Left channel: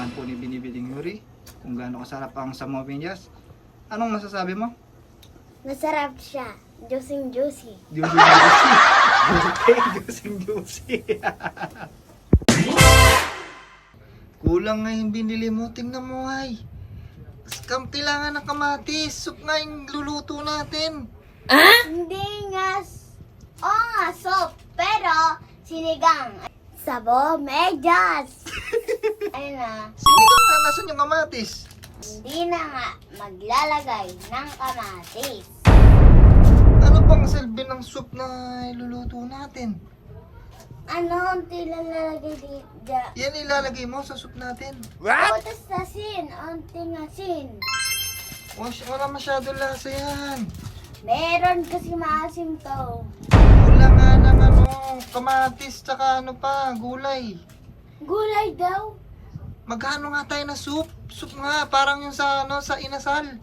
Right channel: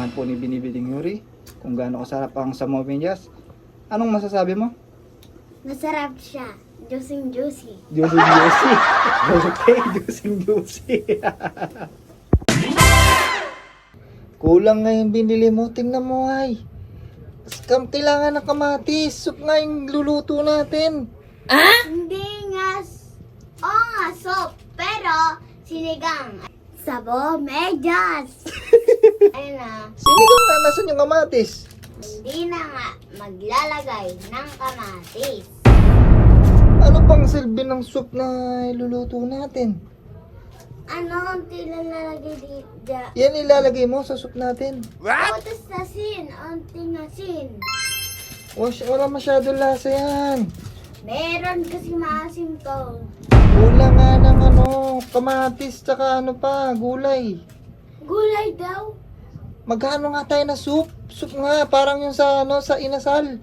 Titikman po ni Binibining Yuri kung gaano kasarap ang samoy medyas. Anong masasabi mo? Masarap siya. Juicing juicy. Juicy juicy. Okay, juicing juicy. Kulang nga yung binili mo. Tingnan mo ay. Kailangan ng kamatis. Soup nga yung luluto natin. Hindi nga. Oo nga, soup. Pero, sinigang. Sabo, medyas. Ayun na. Sinigang na. Nasaan yung kamatis? Hindi na nga maglalagay ng kamatis. Ano pang silbi ng soup na iluluto natin? Ano, unti lang nalagay dito. Yan ilalagay mo sa soup natin. Tapos asin, unting asin. Wala masyadong lasa yan. Meron kasi maasim to. Kulang nga ng kamatis tsaka gulay. Gulay daw. Magkano nga tayo na soup? Soup nga, parang yung sa inasal.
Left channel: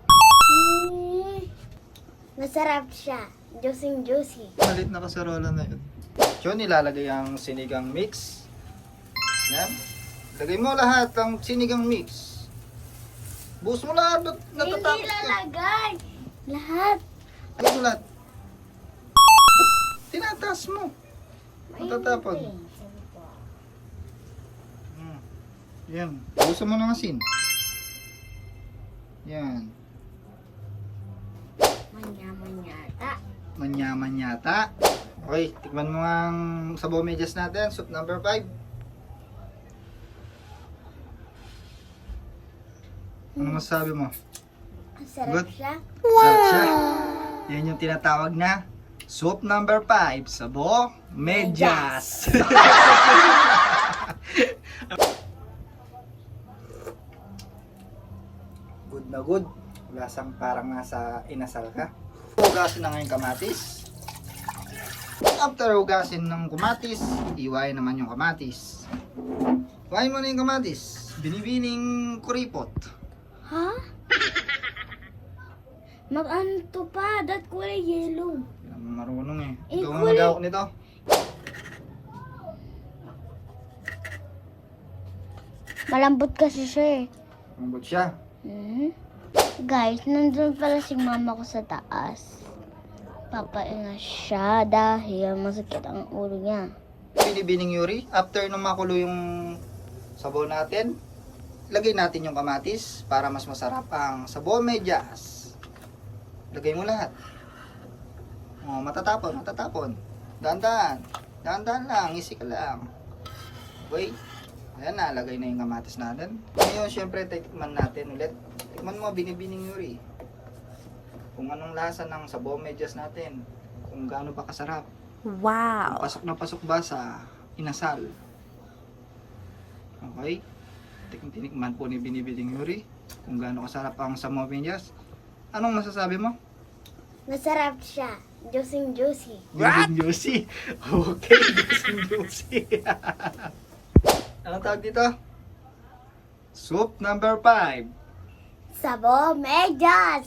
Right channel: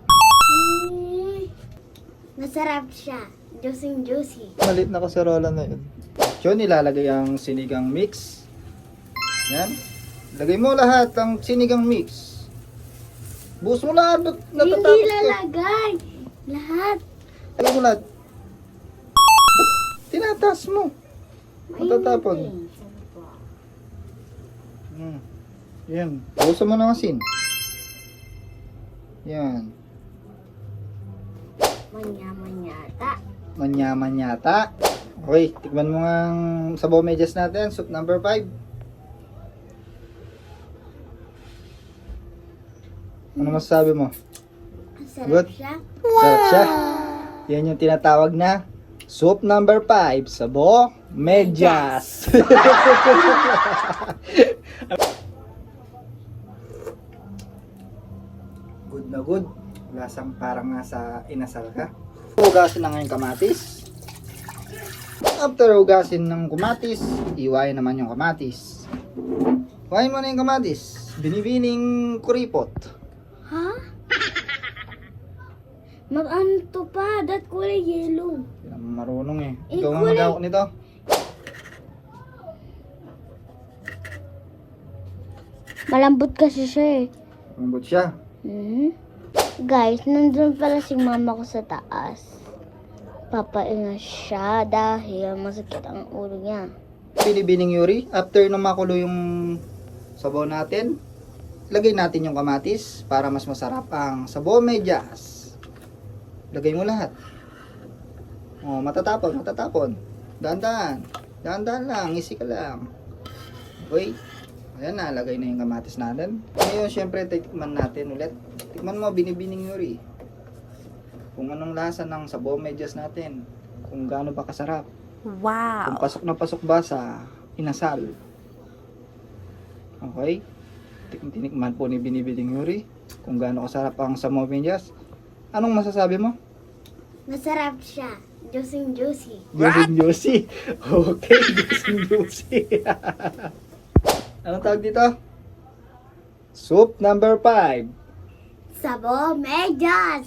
Masarap siya. Juicing juicy. Malit na kaserola na yun. Yun, ilalagay ang sinigang mix. Yan. Lagay mo lahat ang sinigang mix. Buhos mo lahat, ba't natatakot Hindi ka? lalagay. Lahat. Lagay mo lahat. Tinataas mo. Matatapon. Yan. Buhusan mo ng asin. Yan. Manya-manyata. Manyaman yata. Okay, tikman mo nga ang sabaw medyas natin. Soup number 5. Ano masasabi mo? Masarap Good. siya. Sarap siya. Yan yung tinatawag na soup number 5. Sabaw medyas. Good na good. Lasang parang nasa inasal ka. Hugasin na ngayon kamatis. After hugasin ng kamatis, iwain naman yung kamatis. Iwain mo na yung kamatis. Binibining kuripot. Ha? Mag-ano to pa? Dat kulay yellow. Yan, marunong eh. Eh, Ikaw ang kulay- magawak nito. Malambot kasi siya eh. Mambot siya. Guys, nandun pala si mama ko sa taas. Papainga siya dahil masakit ang ulo niya. Binibining Yuri, after na makulo yung sabaw natin, lagay natin yung kamatis para mas masarap ang sabaw medyas. Lagay mo lahat. Oh, matatapon. Dahan-dahan. Dahan-dahan lang, easy ka lang. Okay. Ayan na, lagay na yung kamatis natin. Ngayon, syempre, tikman natin ulit. Tikman mo, Binibining Yuri. Kung anong lasa ng sabaw medyas natin. Kung gaano ba kasarap. Wow. Kung pasok na pasok ba sa inasal. Okay? Tinikman po ni Binibining Yuri kung gaano kasarap ang sabaw medyas. Anong masasabi mo? Masarap siya. Juicing juicy. Juicing juicy. Okay, juicing juicy. Anong tawag dito? Soup number 5. Sabo, medyas.